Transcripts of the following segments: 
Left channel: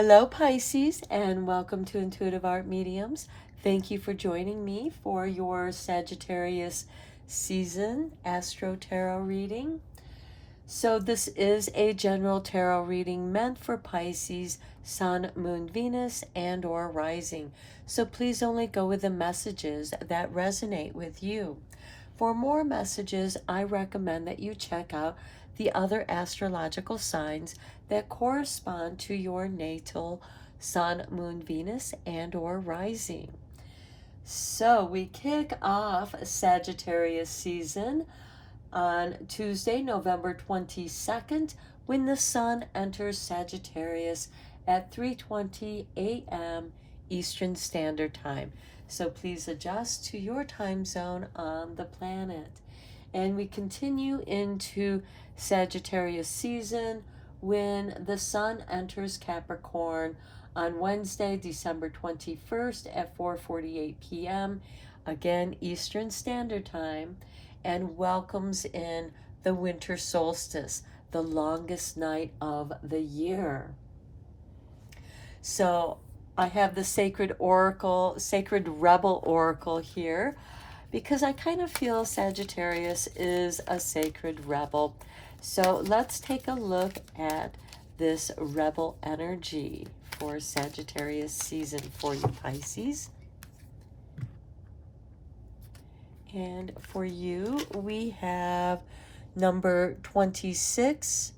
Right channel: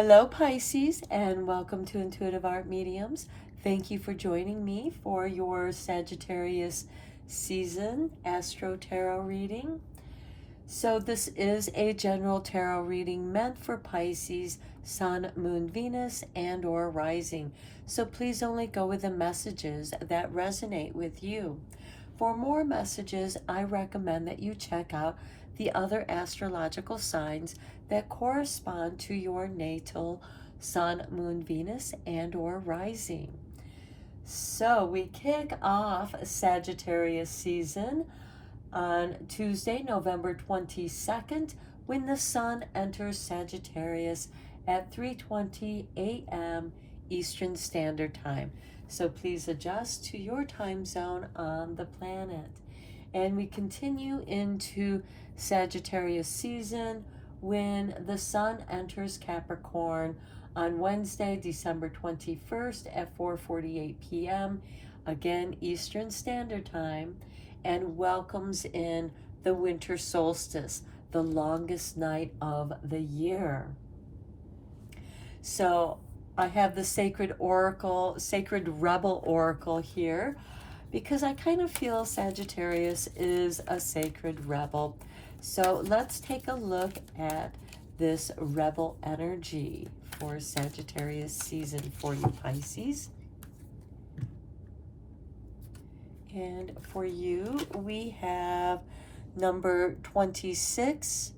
Hello, Pisces, and welcome to Intuitive Art Mediums. Thank you for joining me for your Sagittarius season Astro-Tarot reading. So this is a general tarot reading meant for Pisces, Sun, Moon, Venus, and or Rising. So please only go with the messages that resonate with you. For more messages, I recommend that you check out the other astrological signs that correspond to your natal Sun, Moon, Venus, and or Rising. So we kick off Sagittarius season on Tuesday, November 22nd, when the Sun enters Sagittarius at 3:20 a.m. Eastern Standard Time. So please adjust to your time zone on the planet. And we continue into Sagittarius season when the Sun enters Capricorn on Wednesday, December 21st at 4:48 p.m. again Eastern Standard Time, and welcomes in the winter solstice, the longest night of the year. So I have the sacred oracle, sacred rebel oracle here, because I kind of feel Sagittarius is a sacred rebel. So let's take a look at this rebel energy for Sagittarius season for you, Pisces. And for you, we have number 26,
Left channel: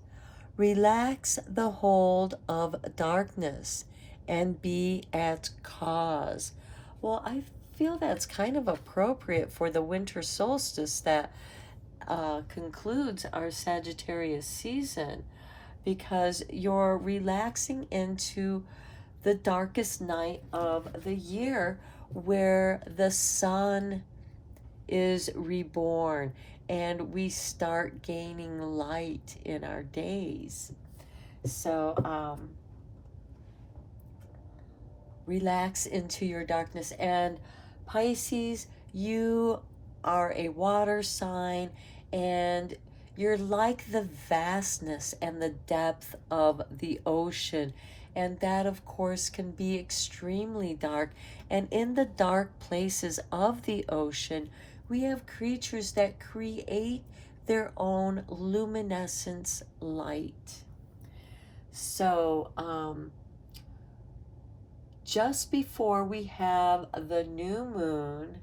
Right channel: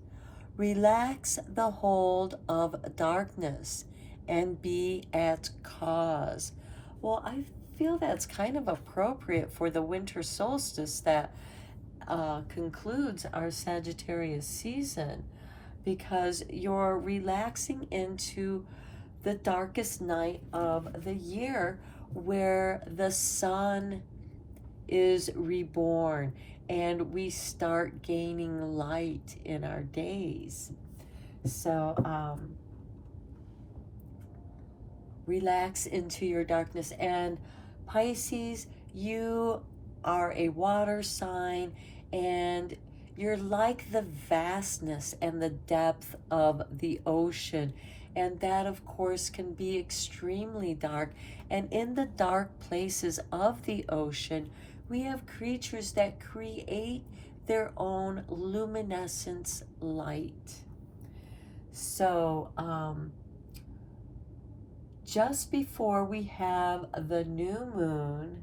relax the hold of darkness and be at cause. Well, I feel that's kind of appropriate for the winter solstice that concludes our Sagittarius season, because you're relaxing into the darkest night of the year where the sun is reborn and we start gaining light in our days. So relax into your darkness. And Pisces, you are a water sign, and you're like the vastness and the depth of the ocean. And that, of course, can be extremely dark. And in the dark places of the ocean, we have creatures that create their own luminescence light. So, just before we have the new moon,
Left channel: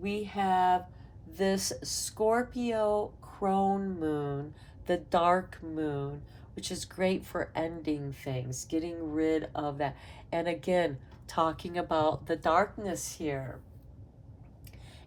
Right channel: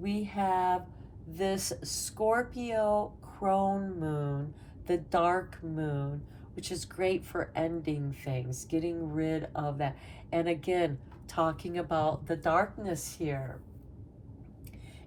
we have this Scorpio crone moon, the dark moon, which is great for ending things, getting rid of that. And again, talking about the darkness here.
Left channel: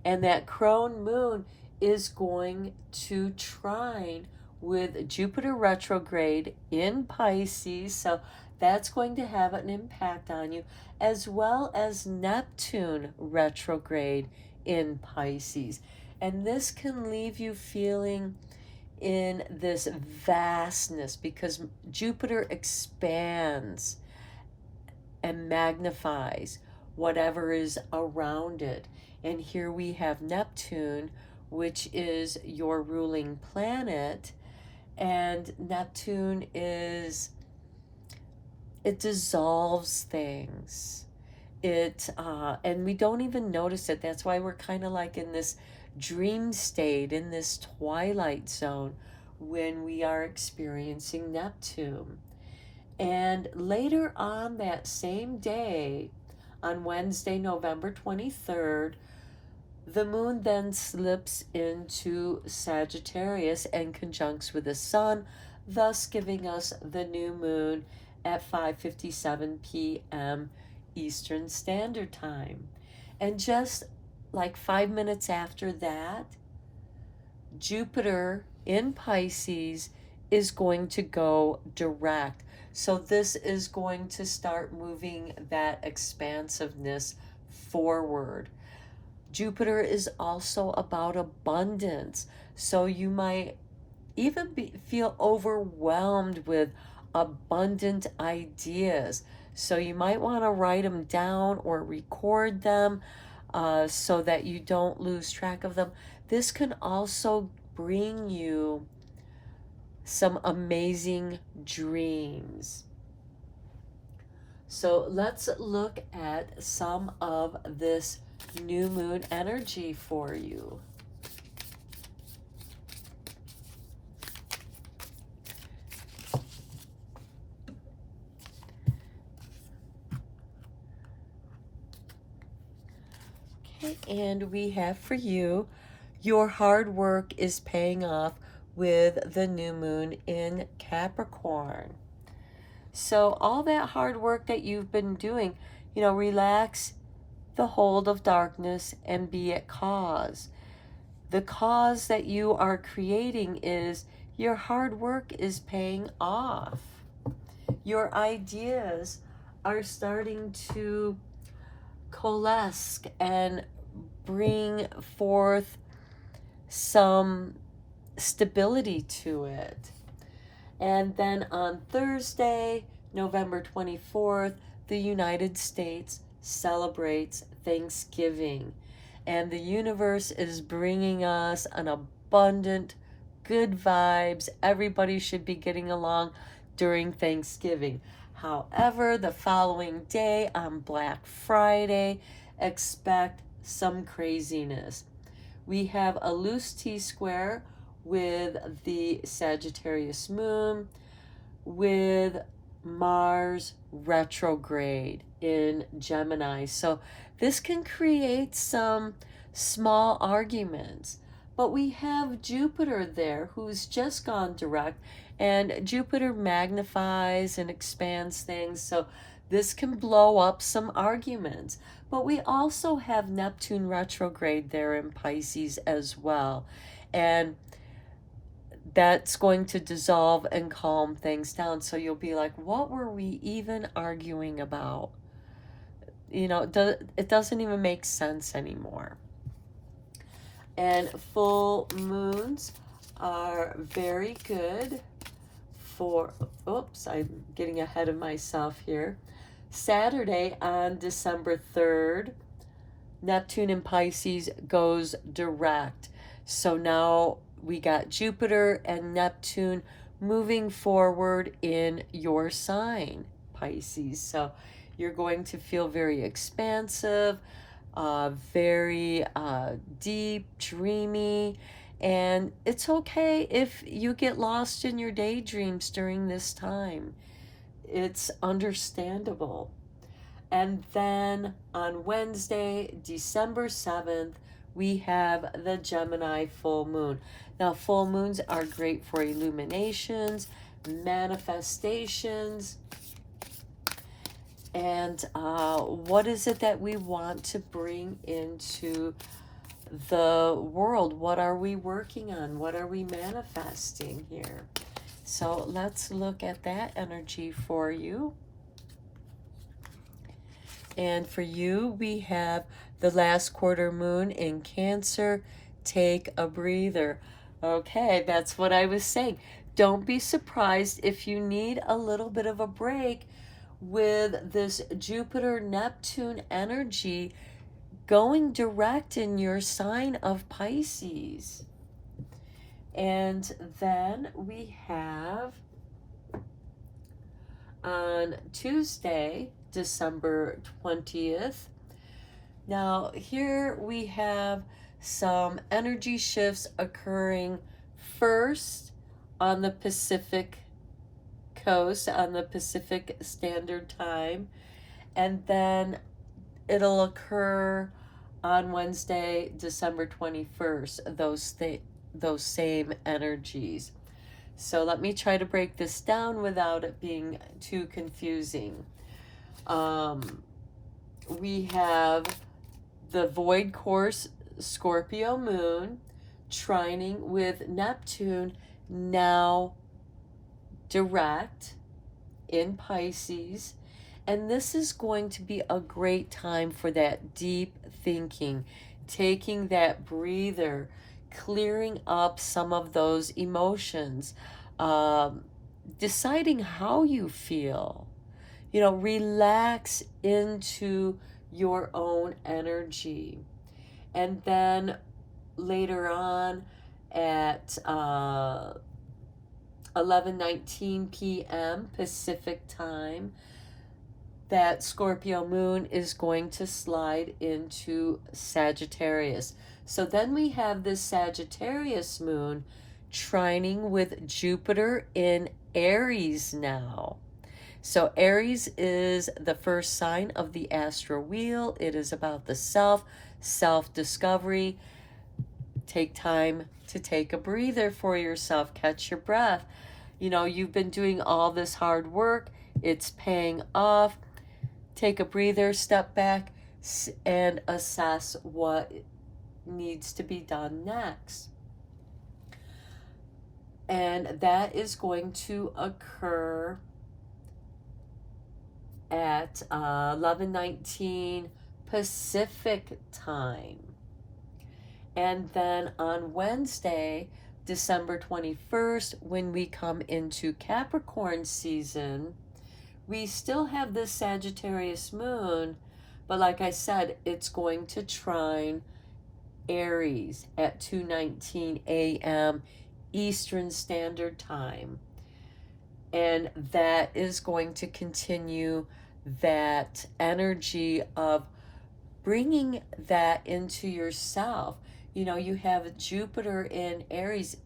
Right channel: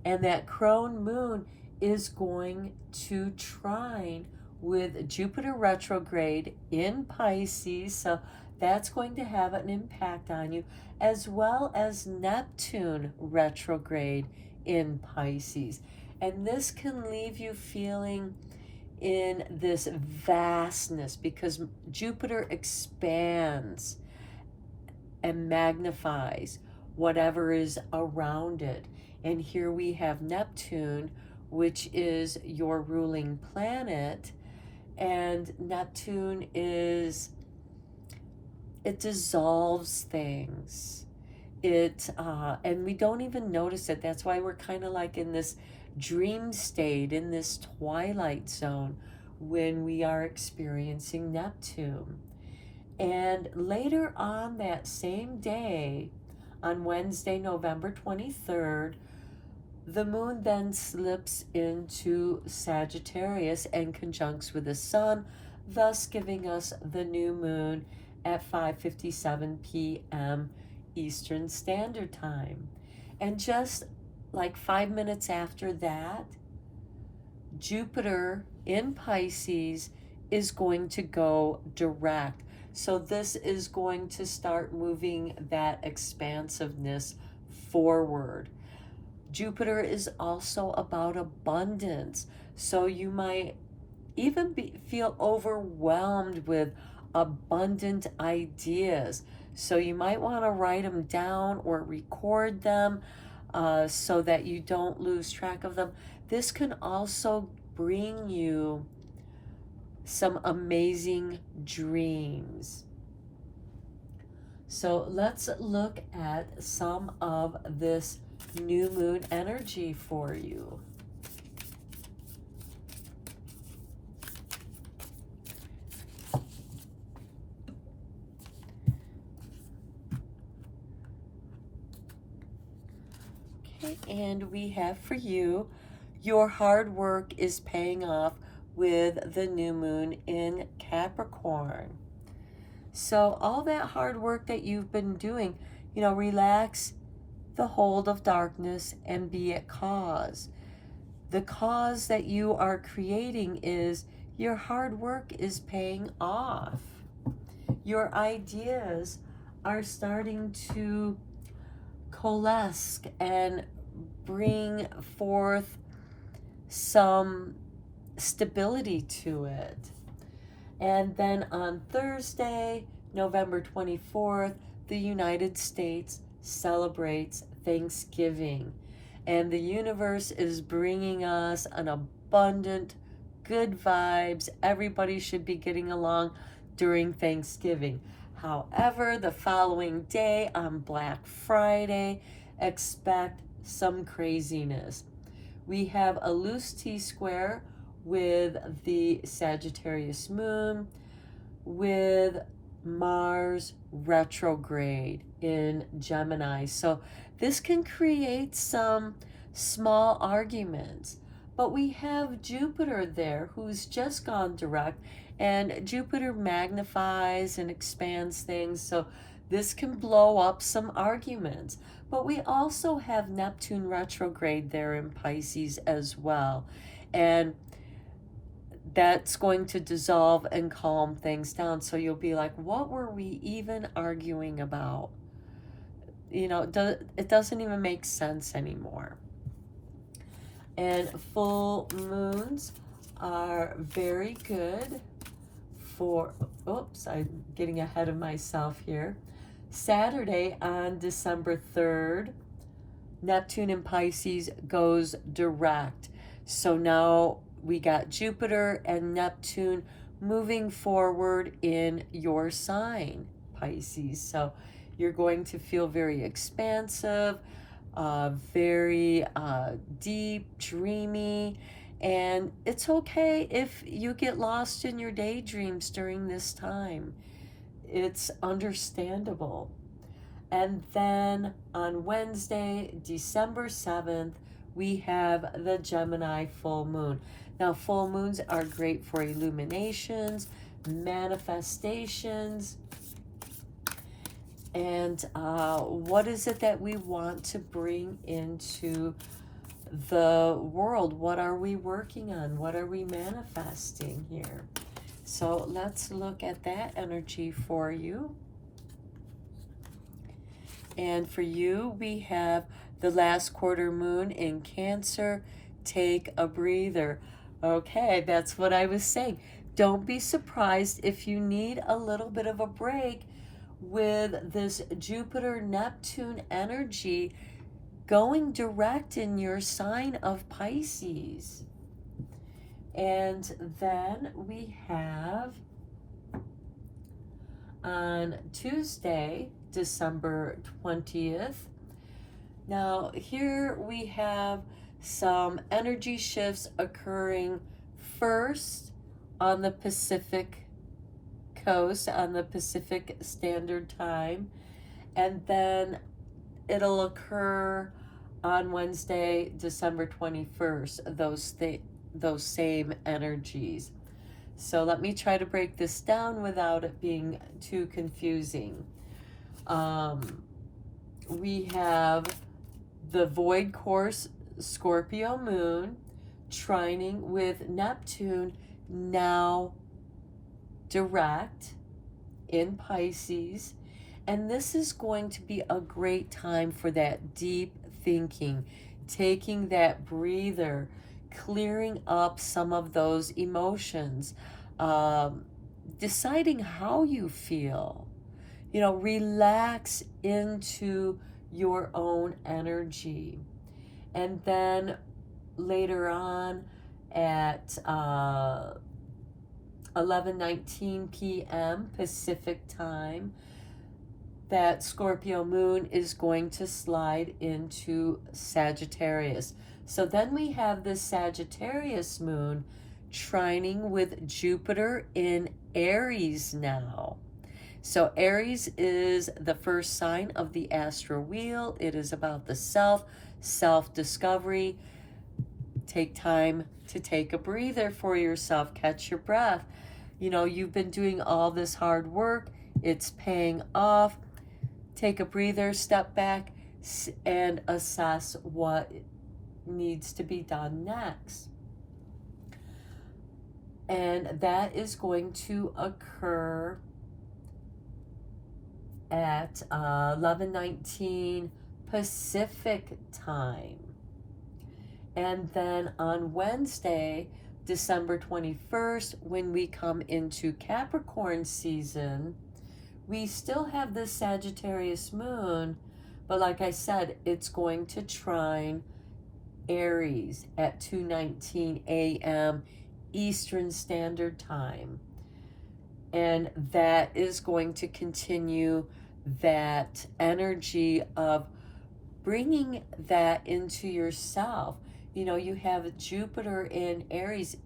And that crone moon is going to trine with Jupiter retrograde in Pisces. So that's going to have an impact on you, as well as Neptune retrograde in Pisces. And this can leave you feeling in this vastness, because Jupiter expands and magnifies whatever is around it. And here we have Neptune, which is your ruling planet. And Neptune is, it dissolves things. And we don't even notice it. That's why we're kind of like in this dream state, in this twilight zone, when we are experiencing Neptune. And later on that same day, on Wednesday, November 23rd, the moon then slips into Sagittarius and conjuncts with the sun, thus giving us the new moon at 5:57 p.m. Eastern Standard Time. And just like 5 minutes after that, Jupiter in Pisces is going to go direct. So this is going to start moving that expansiveness forward. Jupiter is also about abundance. So you might even feel overwhelmed with abundant ideas. So you might want to write them down or record them so that you don't lose track of them. This can also bring you some amazing dreams. So let's look at some of this new moon energy for you. Okay, and we have for you, your hard work is paying off with the new moon in Capricorn. So all that hard work that you've been doing, relax the hold of darkness and be at cause. The cause that you are creating is your hard work is paying off. Your ideas are starting to coalesce and bring forth some stability to it. And then on Thursday, November 24th, the United States celebrates Thanksgiving. And the universe is bringing us an abundant, good vibes. Everybody should be getting along during Thanksgiving. However, the following day on Black Friday, expect some craziness. We have a loose T-square with the Sagittarius moon, with Mars retrograde in Gemini. So this can create some small arguments. But we have Jupiter there who's just gone direct, and Jupiter magnifies and expands things. So this can blow up some arguments. But we also have Neptune retrograde there in Pisces as well. And that's going to dissolve and calm things down. So you'll be like, what were we even arguing about? It doesn't even make sense anymore. And full moons are very good for, oops, I'm getting ahead of myself here. Saturday on December 3rd, Neptune in Pisces goes direct. So now we got Jupiter and Neptune moving forward in your sign, Pisces. So you're going to feel very expansive, very deep, dreamy, and it's okay if you get lost in your daydreams during this time. It's understandable. And then on Wednesday, December 7th, we have the Gemini full moon. Now, full moons are great for illuminations, manifestations, and what is it that we want to bring into the world? What are we working on? What are we manifesting here? So let's look at that energy for you. And for you, we have the last quarter moon in Cancer. Take a breather. Okay, that's what I was saying. Don't be surprised if you need a little bit of a break with this Jupiter-Neptune energy going direct in your sign of Pisces. And then we have on Tuesday, December 20th. Now here we have some energy shifts occurring first on the Pacific coast, on the Pacific Standard Time, and then it'll occur on Wednesday, December 21st, those same energies. So let me try to break this down without it being too confusing. We have the void course Scorpio moon trining with Neptune, now direct in Pisces. And this is going to be a great time for that deep thinking, taking that breather, clearing up some of those emotions, deciding how you feel. Relax into your own energy. And then later on at 11:19 p.m. Pacific time, that Scorpio moon is going to slide into Sagittarius. So then we have this Sagittarius moon trining with Jupiter in Aries now. So Aries is the first sign of the astro wheel. It is about the self, self-discovery. Take time to take a breather for yourself. Catch your breath. You know, you've been doing all this hard work. It's paying off. Take a breather, step back, and assess what needs to be done next. And that is going to occur at 11:19 Pacific time. And then on Wednesday, December 21st, when we come into Capricorn season, we still have this Sagittarius moon, but like I said, it's going to trine Aries at 2:19 a.m. Eastern Standard Time. And that is going to continue that energy of bringing that into yourself. You know, you have Jupiter in Aries.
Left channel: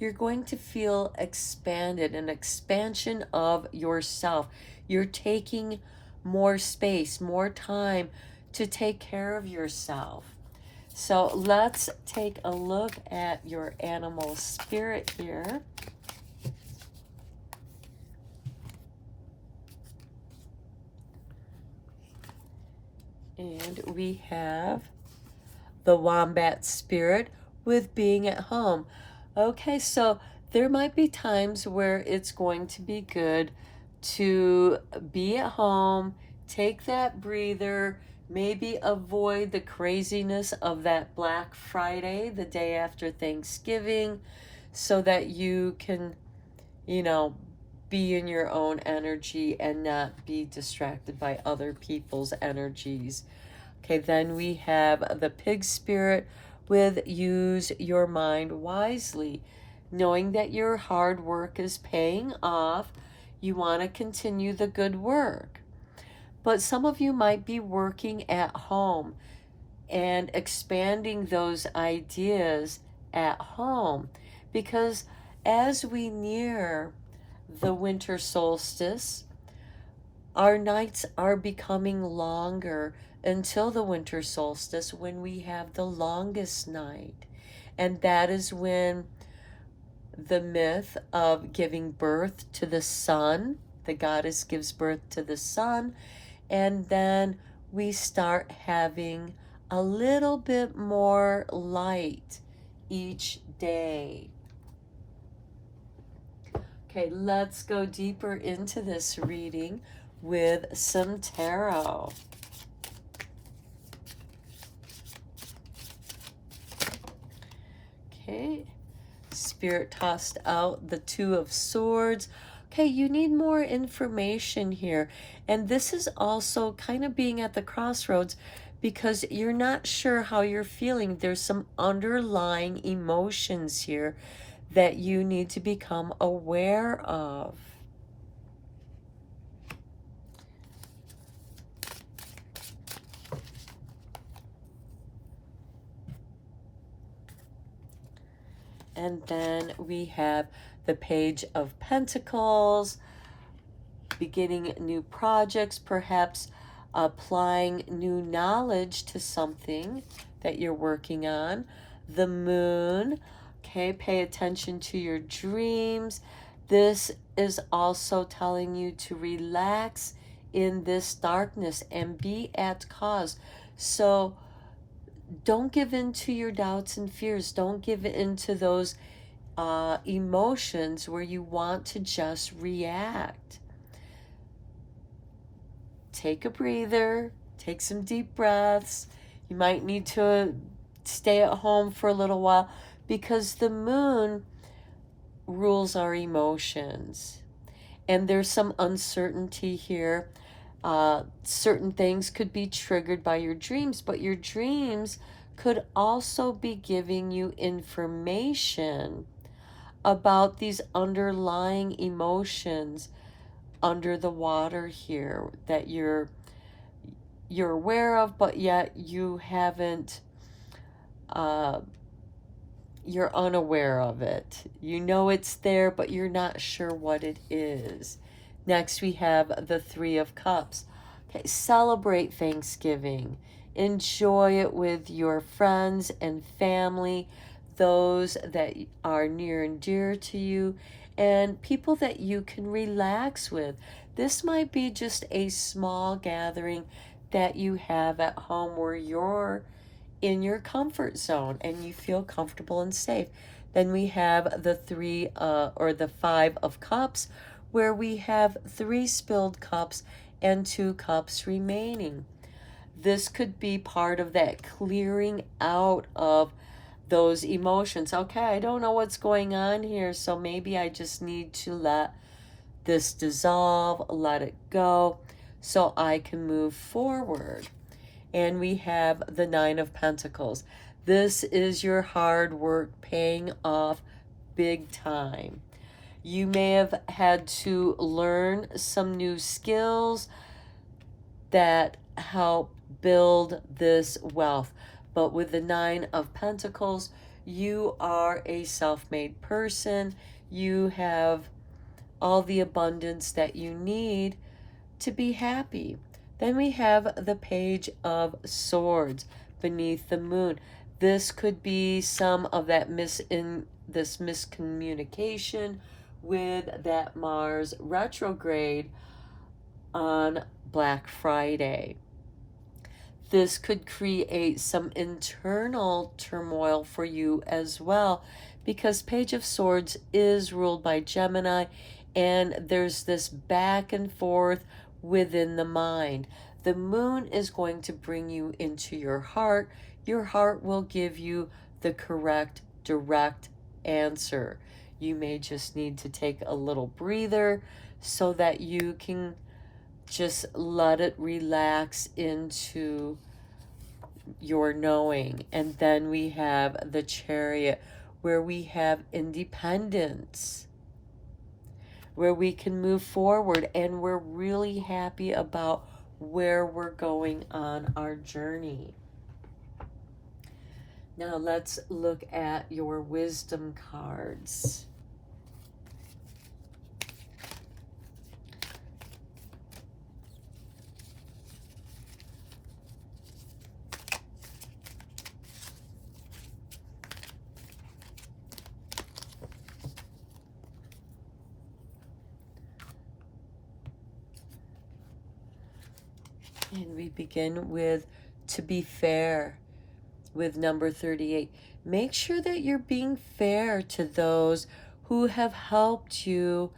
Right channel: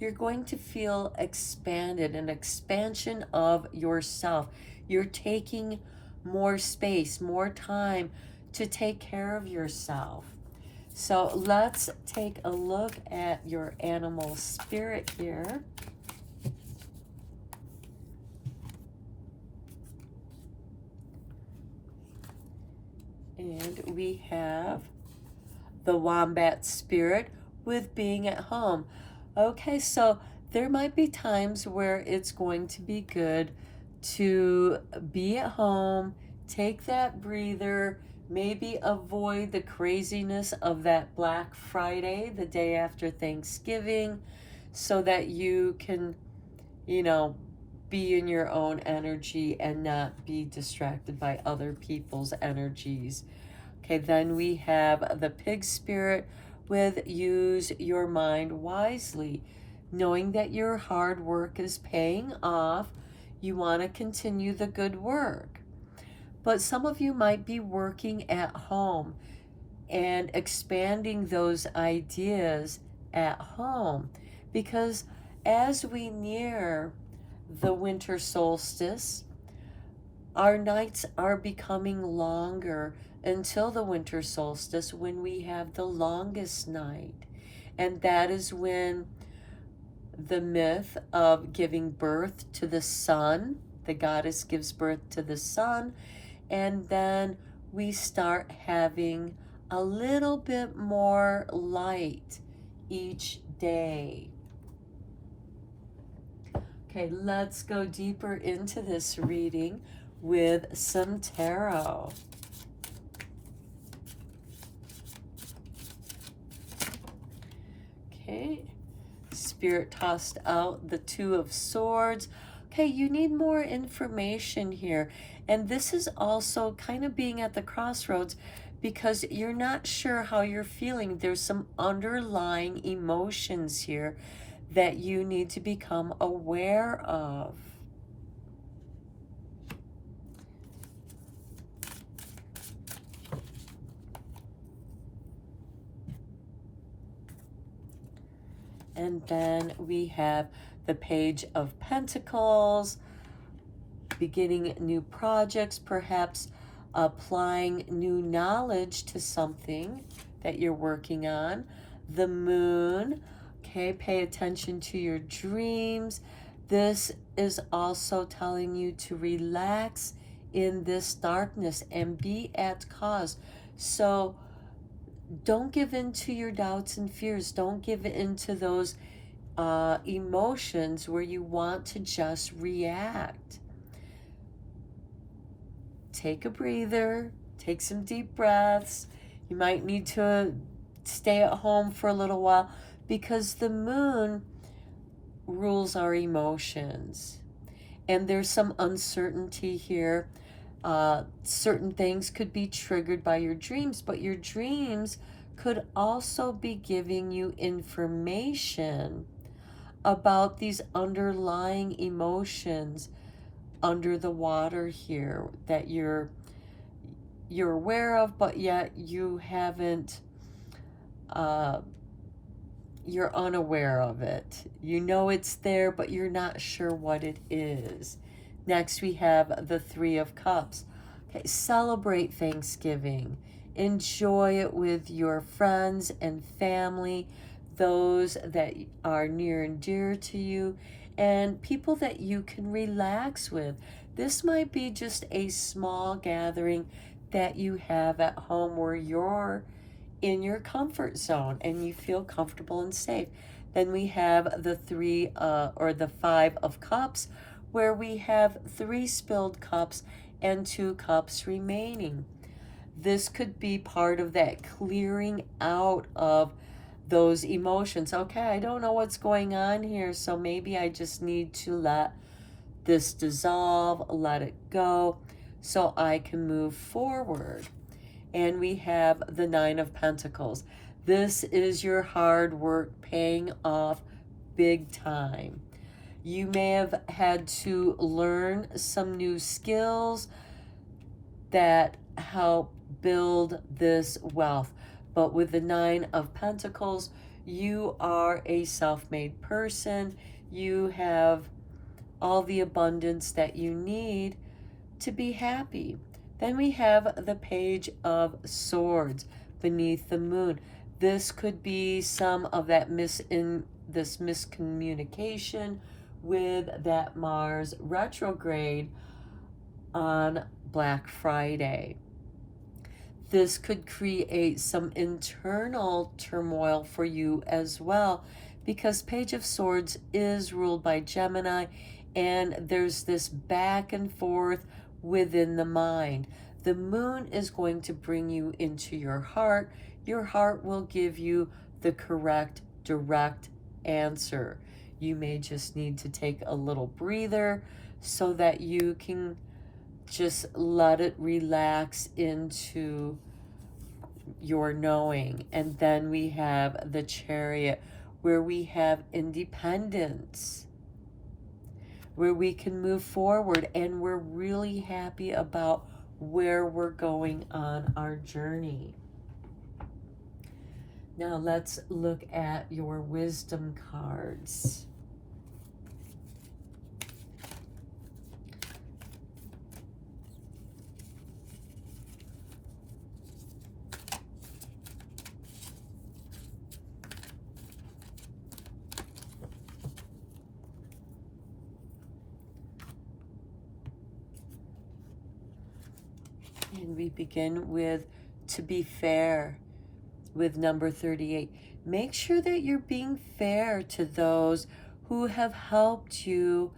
You're going to feel expanded, an expansion of yourself. You're taking more space, more time to take care of yourself. So let's take a look at your animal spirit here. And we have the wombat spirit with being at home. Okay, so there might be times where it's going to be good to be at home, take that breather, maybe avoid the craziness of that Black Friday, the day after Thanksgiving, so that you can, you know, be in your own energy and not be distracted by other people's energies. Okay, then we have the pig spirit with use your mind wisely, knowing that your hard work is paying off. You want to continue the good work. But some of you might be working at home and expanding those ideas at home, because as we near the winter solstice, our nights are becoming longer until the winter solstice, when we have the longest night. And that is when the myth of giving birth to the sun, the goddess gives birth to the sun, and then we start having a little bit more light each day. Okay, let's go deeper into this reading with some tarot. Okay, Spirit tossed out the Two of Swords. Okay, you need more information here. And this is also kind of being at the crossroads, because you're not sure how you're feeling. There's some underlying emotions here that you need to become aware of. And then we have the Page of Pentacles, beginning new projects, perhaps applying new knowledge to something that you're working on. The Moon, okay, pay attention to your dreams. This is also telling you to relax in this darkness and be at cause. So don't give in to your doubts and fears. Don't give in to those emotions where you want to just react. Take a breather, take some deep breaths. You might need to stay at home for a little while, because the moon rules our emotions. And there's some uncertainty here. Certain things could be triggered by your dreams, but your dreams could also be giving you information about these underlying emotions under the water here that you're aware of, but yet you haven't, uh, you're unaware of it. You know it's there, but you're not sure what it is. Next, we have the Three of Cups. Okay, celebrate Thanksgiving. Enjoy it with your friends and family, those that are near and dear to you, and people that you can relax with. This might be just a small gathering that you have at home where you're in your comfort zone and you feel comfortable and safe. Then we have the the Five of Cups, where we have 3 spilled cups and 2 cups remaining. This could be part of that clearing out of those emotions. Okay, I don't know what's going on here, so maybe I just need to let this dissolve, let it go, so I can move forward. And we have the Nine of Pentacles. This is your hard work paying off big time. You may have had to learn some new skills that help build this wealth. But with the Nine of Pentacles, you are a self-made person. You have all the abundance that you need to be happy. Then we have the Page of Swords beneath the moon. This could be some of that miscommunication with that Mars retrograde on Black Friday. This could create some internal turmoil for you as well, because Page of Swords is ruled by Gemini, and there's this back and forth within the mind. The moon is going to bring you into your heart. Your heart will give you the correct, direct answer. You may just need to take a little breather so that you can just let it relax into your knowing. And then we have the Chariot, where we have independence, where we can move forward, and we're really happy about where we're going on our journey. Now let's look at your wisdom cards. And we begin with to be fair with number 38. Make sure that you're being fair to those who have helped you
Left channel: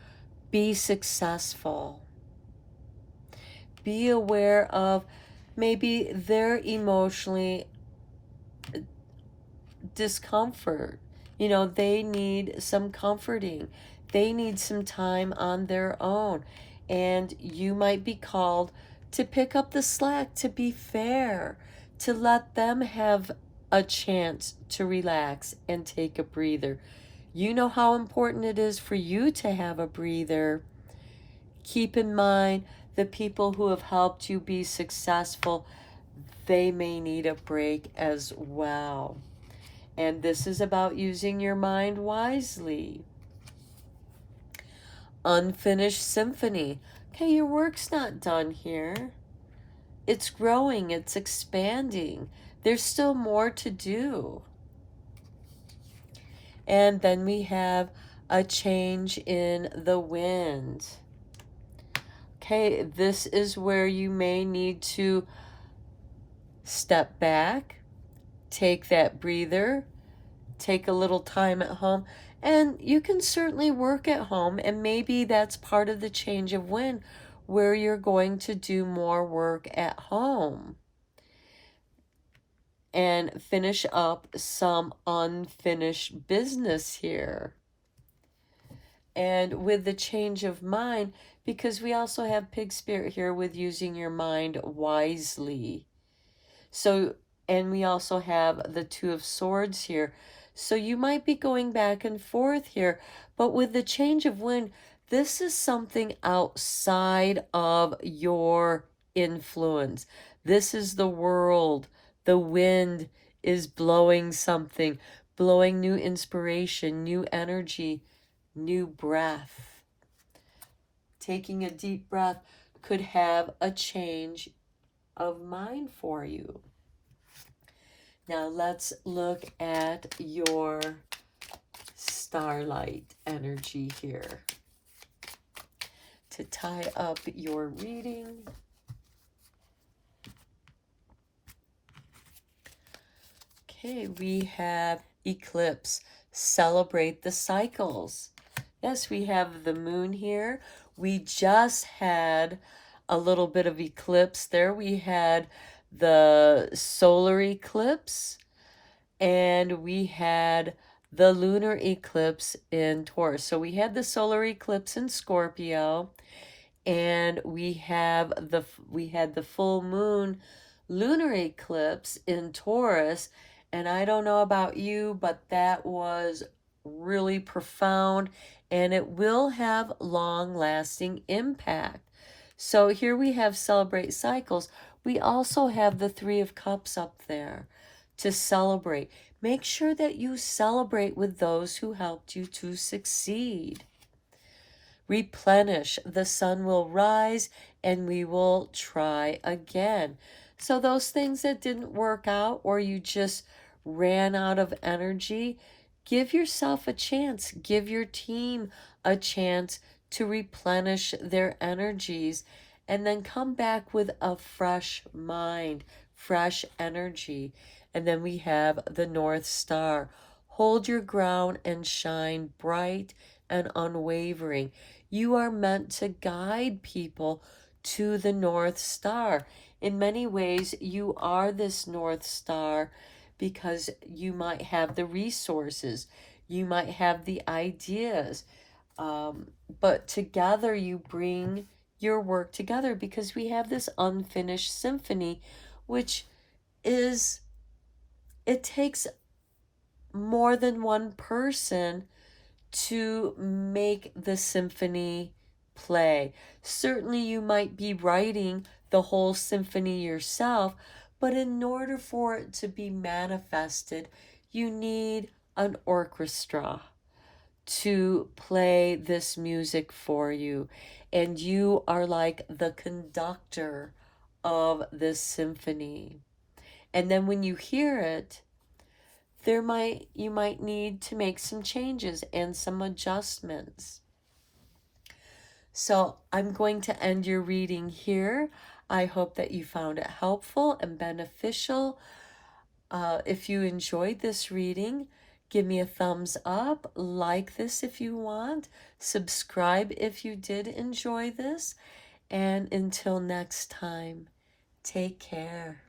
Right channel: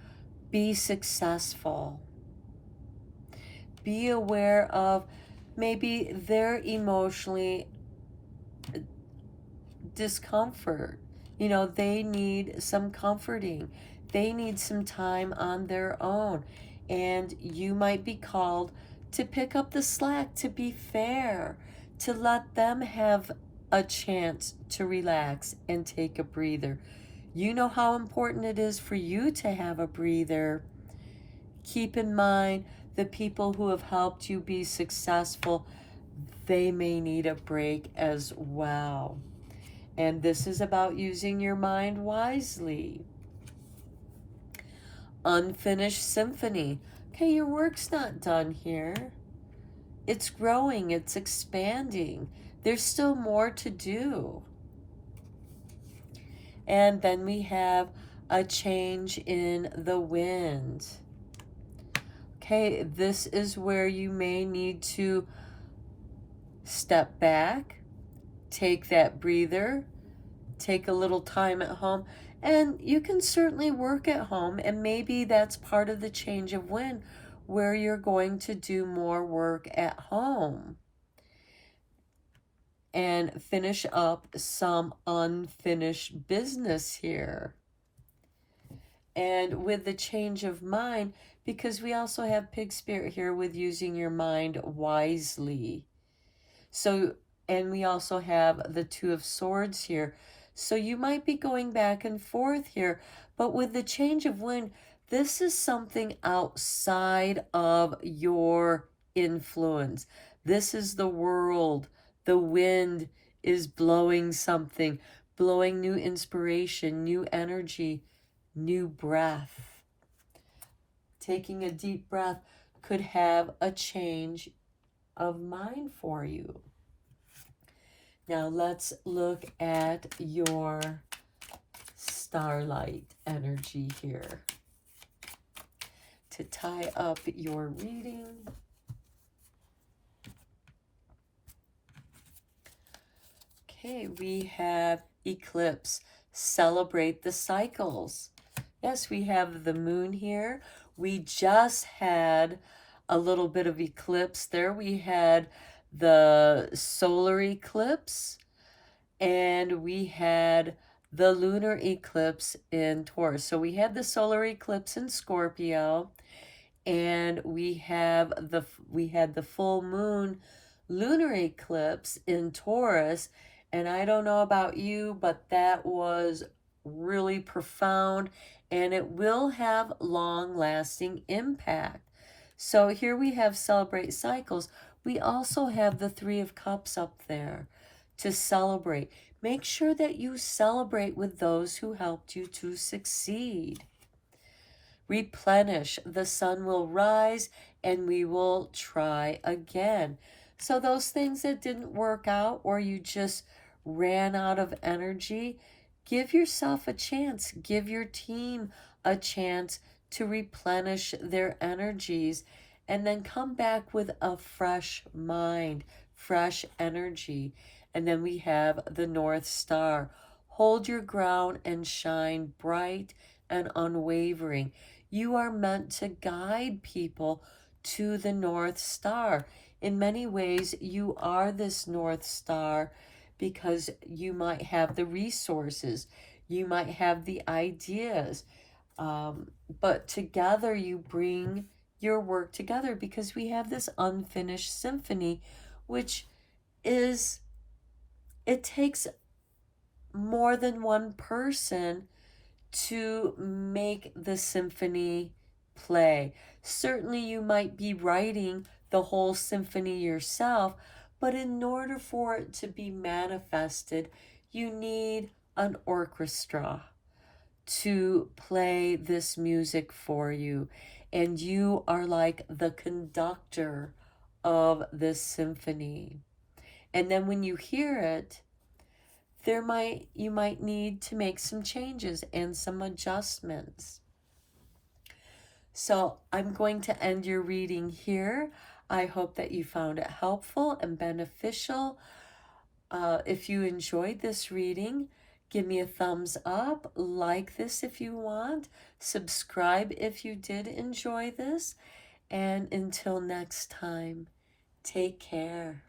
be successful. Be aware of maybe their emotionally discomfort. You know, they need some comforting. They need some time on their own. And you might be called to pick up the slack, to be fair, to let them have a chance to relax and take a breather. You know how important it is for you to have a breather. Keep in mind the people who have helped you be successful, they may need a break as well. And this is about using your mind wisely. Unfinished symphony. Okay, your work's not done here. It's growing, it's expanding. There's still more to do. And then we have a change in the wind. Okay, this is where you may need to step back, take that breather, take a little time at home, and you can certainly work at home, and maybe that's part of the change of wind, where you're going to do more work at home and finish up some unfinished business here. And with the change of mind, because we also have Pig Spirit here with using your mind wisely. So, and we also have the Two of Swords here. So you might be going back and forth here, but with the change of wind, This is something outside of your influence. This is the world. The wind is blowing something, blowing new inspiration, new energy, new breath. Taking a deep breath could have a change of mind for you. Now let's look at your starlight energy here to tie up your reading. Okay, we have eclipse. Celebrate the cycles. Yes, we have the moon here. We just had a little bit of eclipse there. We had the solar eclipse and we had the lunar eclipse in Taurus. So we had the solar eclipse in Scorpio, and we had the full moon lunar eclipse in Taurus. And I don't know about you, but that was really profound, and it will have long-lasting impact. So here we have celebrate cycles. We also have the Three of Cups up there to celebrate. Make sure that you celebrate with those who helped you to succeed. Replenish. The sun will rise and we will try again. So those things that didn't work out or you just ran out of energy, give yourself a chance. Give your team a chance to replenish their energies and then come back with a fresh mind, fresh energy. And then we have the North Star. Hold your ground and shine bright and unwavering. You are meant to guide people to the North Star. In many ways, you are this North Star because you might have the resources, you might have the ideas, but together you bring your work together because we have this unfinished symphony, which is, it takes more than one person to make the symphony play. Certainly you might be writing the whole symphony yourself, but in order for it to be manifested, you need an orchestra to play this music for you. And you are like the conductor of this symphony. And then when you hear it, you might need to make some changes and some adjustments. So I'm going to end your reading here. I hope that you found it helpful and beneficial. If you enjoyed this reading, give me a thumbs up, like this if you want, subscribe if you did enjoy this, and until next time, take care.